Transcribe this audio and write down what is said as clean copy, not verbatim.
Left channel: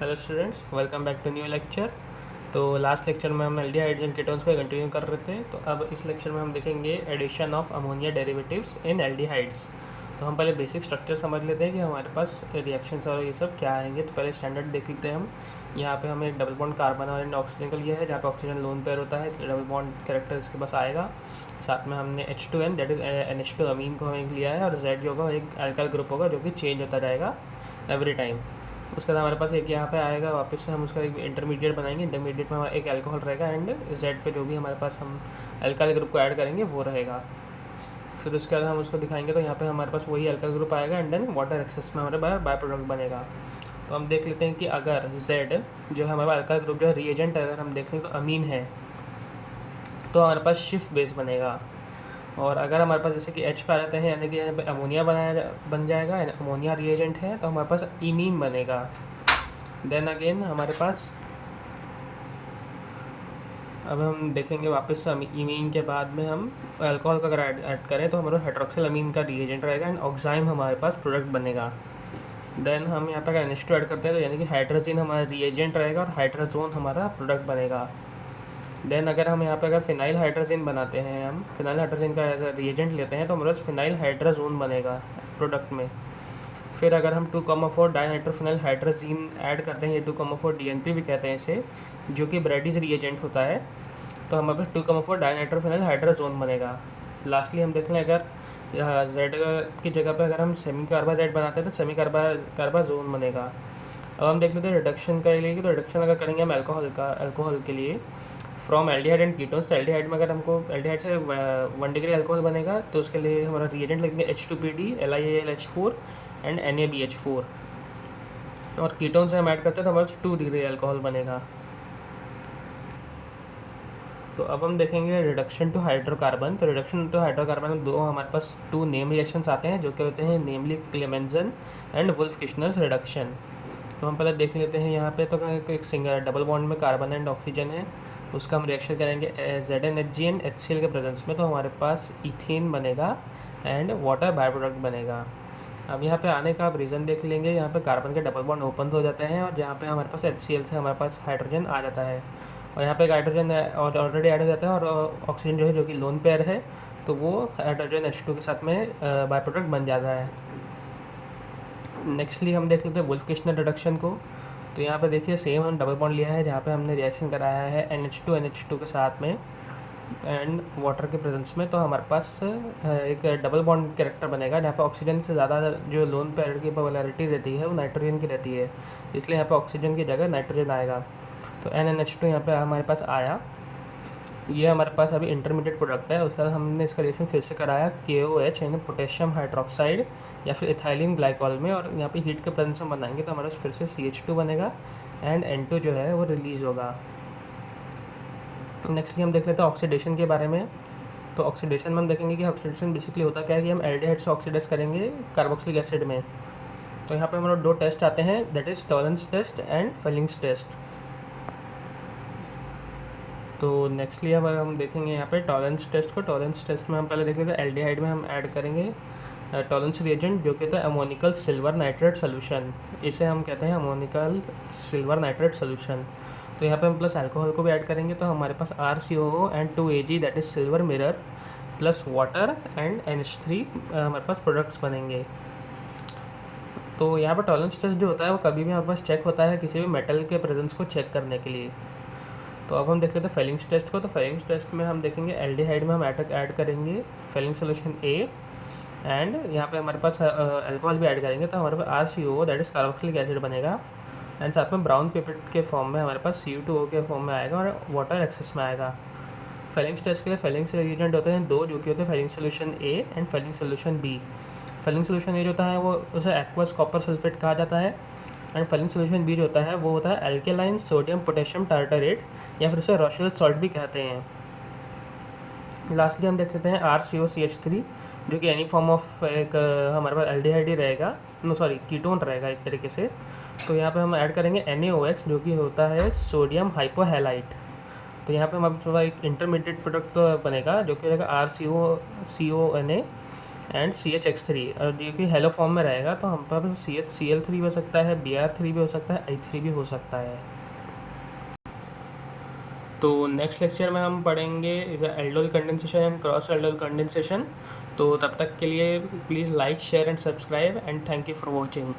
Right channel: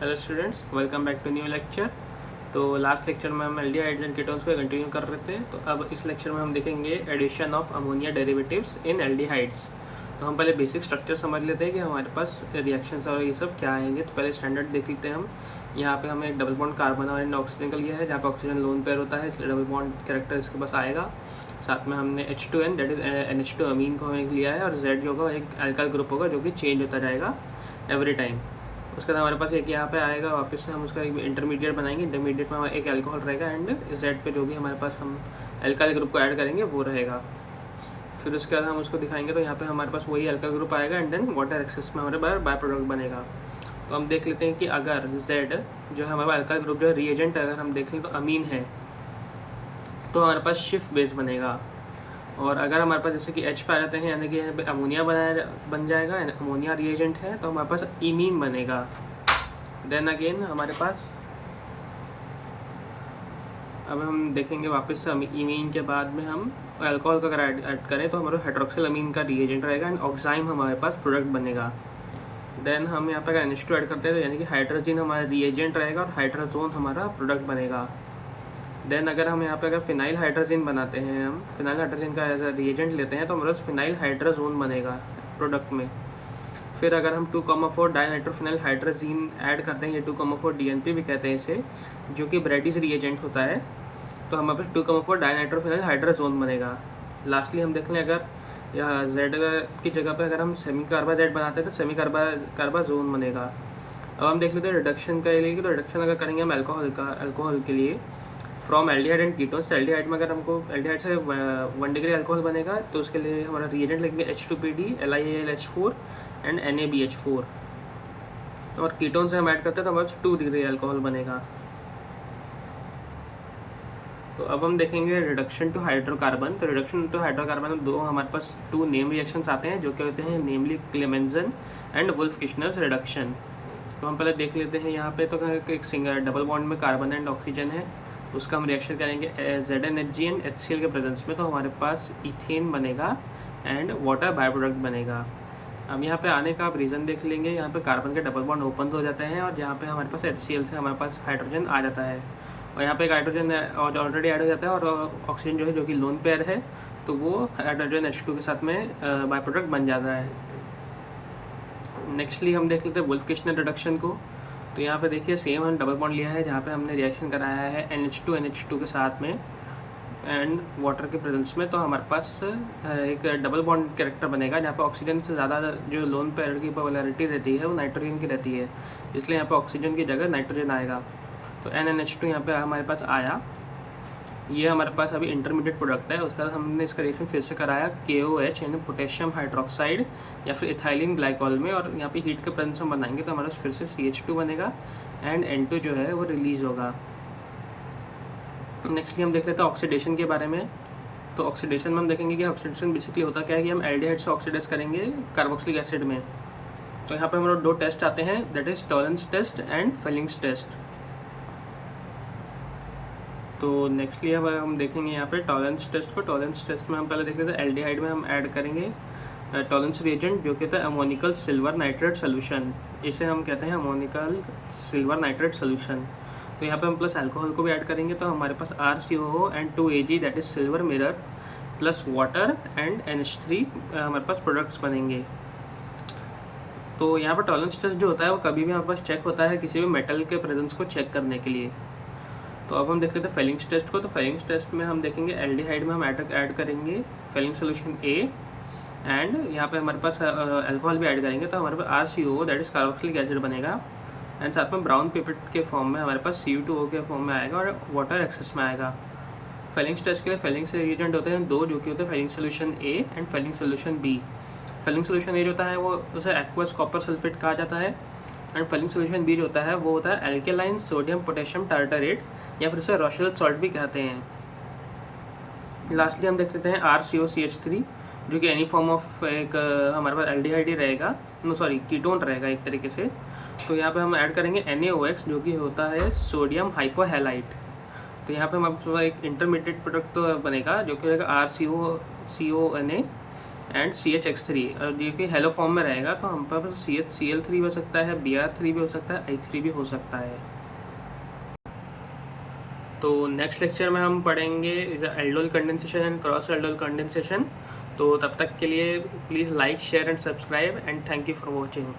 Hello students, welcome back to new lecture. तो last lecture में हम एल्डिहाइड्स एंड कीटोन्स पे कंटिन्यू कर रहे थे। तो अब इस लेक्चर में हम देखेंगे addition of ammonia derivatives in aldehydes. तो हम पहले बेसिक स्ट्रक्चर समझ लेते हैं कि हमारे पास रिएक्शंस और ये सब क्या आएंगे। तो पहले स्टैंडर्ड देख लेते हैं हम। यहाँ पे हमें एक डबल बॉन्ड कार्बन और एंड ऑक्सीजन का लिया है, जहाँ पे ऑक्सीजन लोन पेयर होता है, इसलिए डबल बॉन्ड कैरेक्टर इसके पास आएगा। साथ में हमने H2N दैट इज़ NH2 अमीन को हमें लिया है, और Z जो होगा एक अल्काइल ग्रुप होगा जो कि चेंज होता जाएगा एवरी टाइम। उसके बाद हमारे पास एक यहाँ पे आएगा, वापस से हम उसका एक इंटरमीडिएट बनाएंगे। इंटरमीडिएट में हमारा एक अल्कोहल रहेगा, एंड जेड पे जो भी हमारे पास हम अल्काइल ग्रुप को ऐड करेंगे वो रहेगा। फिर उसके बाद हम उसको दिखाएंगे, तो यहाँ पे हमारे पास वही अल्काइल ग्रुप आएगा, एंड देन वाटर एक्सेस में हमारे पास बाय प्रोडक्ट बनेगा। तो हम देख लेते हैं कि अगर जेड जो है हमारा अल्काइल ग्रुप जो है रिएजेंट, अगर हम देख लें तो अमीन है, तो हमारे पास शिफ्ट बेस बनेगा। और अगर हमारे पास जैसे कि H पे आ जाते हैं, यानी कि यहाँ पे अमोनिया बन जाएगा, अमोनिया रिएजेंट है, तो हमारे पास इमीन बनेगा। देन अगेन हमारे पास अब हम देखेंगे वापस से इमीन के बाद में हम अल्कोहल का अगर ऐड करें तो हमारा हाइड्रोक्सिल अमीन का रिएजेंट रहेगा, एंड ऑक्साइम हमारे पास प्रोडक्ट बनेगा। देन हम यहाँ पर अगर NH2 ऐड करते हैं तो यानी कि हाइड्रोजन हमारा रिएजेंट रहेगा और हाइड्रोजोन हमारा प्रोडक्ट बनेगा। देन अगर हम यहाँ पे अगर फिनाइल हाइड्रोजन बनाते हैं, हम फिनाइल हाइड्रोजन का एज रिएजेंट लेते हैं, तो हमारे पास फिनाइल हाइड्रोजोन बनेगा प्रोडक्ट में। फिर अगर हम 2,4 डाइनाइट्रोफिनाइल हाइड्रोजीन ऐड करते हैं, या 2,4 DNP भी कहते हैं इसे, जो कि ब्रैडीज रिएजेंट होता है, तो हमारे पास 2,4 डाइनाइट्रोफिनाइल हाइड्रोजोन बनेगा। लास्टली हम देख लें, अगर यहाँ Z की जगह पे अगर हम सेमी कार्बा Z बनाते हैं तो सेमी कार्बाजोन बनेगा। अब हम देख लेते हैं रिडक्शन का लिए, तो रिडक्शन अगर करेंगे हम अल्कोहल के लिए from aldehyde and ketones. Aldehyde में अगर हमको एल्डिहाइड से 1 डिग्री अल्कोहल बनेगा, तो उसके लिए हमारा रिएजेंट लेंगे H2PD, LiAlH4 एंड NaBH4। और कीटोन से हम ऐड करते हैं तो हमारे 2 डिग्री अल्कोहल बनेगा। तो अब हम देखेंगे रिडक्शन टू हाइड्रोकार्बन। तो रिडक्शन टू हाइड्रोकार्बन में दो हमारे पास 2 नेम रिएक्शंस आते हैं, जो कि होते हैं नेमली क्लेमेंजन एंड वुल्फ-किशनर रिडक्शन। तो हम पहले देख लेते हैं यहाँ पे। तो एक सिंगल डबल बॉन्ड में कार्बन एंड ऑक्सीजन है, तो उसका हम रिएक्शन करेंगे ZnHgN HCl के प्रेजेंस में, तो हमारे पास इथेन बनेगा एंड वाटर बाय प्रोडक्ट बनेगा। अब यहाँ पे आने का आप रीज़न देख लेंगे। यहाँ पे कार्बन के डबल बॉन्ड ओपन हो जाते हैं, और जहाँ पे हमारे पास HCl से हमारे पास हाइड्रोजन आ जाता है, और यहाँ पे एक हाइड्रोजन ऑलरेडी ऐड हो जाता है, और ऑक्सीजन जो है जो कि लोन पेयर है, तो वो हाइड्रोजन H2 के साथ में बाय प्रोडक्ट बन जाता है। नेक्स्टली हम देख लेते हैं वुल्फ-किशनर रिडक्शन को। तो यहाँ पे देखिए सेम हम डबल बॉन्ड लिया है, जहाँ पे हमने रिएक्शन कराया है NH2 के साथ में एंड वाटर के प्रेजेंस में। तो हमारे पास एक डबल बॉन्ड कैरेक्टर बनेगा, जहाँ पर ऑक्सीजन से ज़्यादा जो लोन पेयर की पोलैरिटी रहती है वो नाइट्रोजन की रहती है, इसलिए यहाँ पर ऑक्सीजन की जगह नाइट्रोजन आएगा। तो NNH2 यहाँ पे हमारे पास आया। ये हमारे पास अभी इंटरमीडिएट प्रोडक्ट है। उसके बाद हमने इसका रिएक्शन फिर से कराया KOH यानी पोटेशियम हाइड्रोक्साइड या फिर इथाइलिन ग्लाइकॉल में, और यहाँ पे हीट के प्रेजेंस में बनाएंगे तो हमारे पास फिर से CH2 बनेगा, एंड N2 जो है वो रिलीज़ होगा। नेक्स्टली हम देख लेते हैं ऑक्सीडेशन के बारे में। तो ऑक्सीडेशन में हम देखेंगे कि ऑक्सीडेशन बेसिकली होता क्या है, कि हम एल्डिहाइड से ऑक्सीडाइज करेंगे कार्बोक्सिलिक एसिड में। तो यहाँ पे हमारे 2 टेस्ट आते हैं, that is Tollens test and Fehling's test. तो नेक्स्टली अब हम देखेंगे यहाँ पे टॉलरेंस टेस्ट को। टॉलरेंस टेस्ट में हम पहले देख लेते हैं एल्डिहाइड में हम ऐड करेंगे टॉलरेंस रिएजेंट, जो कि होता है अमोनिकल सिल्वर नाइट्रेट सोल्यूशन। इसे हम कहते हैं अमोनिकल सिल्वर नाइट्रेट सोल्यूशन। तो यहाँ पे हम प्लस अल्कोहल को भी ऐड करेंगे, तो हमारे पास RCOO and 2Ag that is silver mirror plus water and NH3 हमारे पास प्रोडक्ट्स बनेंगे। तो यहाँ पर टॉलरेंस टेस्ट जो होता है वो कभी भी हमारे पास चेक होता है किसी भी मेटल के प्रेजेंस को चेक करने के लिए। तो अब हम देख लेते हैं फेलिंग्स टेस्ट को। तो फेलिंग्स टेस्ट में हम देखेंगे एल्डिहाइड में हम ऐड करेंगे फेलिंग सोल्यूशन A, एंड यहाँ पे हमारे पास अल्कोहल भी ऐड करेंगे, तो हमारे पास RCOO that is carboxylic acid बनेगा, एंड साथ में ब्राउन पिपेट के फॉर्म में हमारे पास CU2O के फॉर्म में आएगा, और वाटर एक्सेस में आएगा। फेलिंग्स टेस्ट के लिए फेलिंग्स रिएजेंट होते हैं 2, जो कि होते हैं Fehling solution A and Fehling solution B। Fehling solution A जो होता है वो उसे एक्वस कॉपर सल्फेट कहा जाता है, एंड फेलिंग सोल्यूशन B जो होता है वो होता है एल्केलाइन सोडियम पोटेशियम टार्टरेट, या फिर उसे रोशेल सॉल्ट भी कहते हैं। लास्टली हम देख सकते हैं RCOCH3, जो कि एनी फॉर्म ऑफ एक हमारे पास एल्डिहाइड ही रहेगा, कीटोन रहेगा एक तरीके से। तो यहाँ पे हम ऐड करेंगे NaOH, जो कि होता है सोडियम हाइपोहैलाइट। तो यहाँ पे हमारे पास एक इंटरमीडिएट प्रोडक्ट तो बनेगा, जो कि रहेगा RCOCONA एंड CH3। ये कि हेलो फॉर्म में रहेगा तो हम पर CHCl3 भी हो सकता है, Br3 भी हो सकता है, I3 भी हो सकता है। तो नेक्स्ट लेक्चर में हम पढ़ेंगे aldol condensation and cross aldol condensation. तो तब तक के लिए please like share and subscribe and thank you for watching.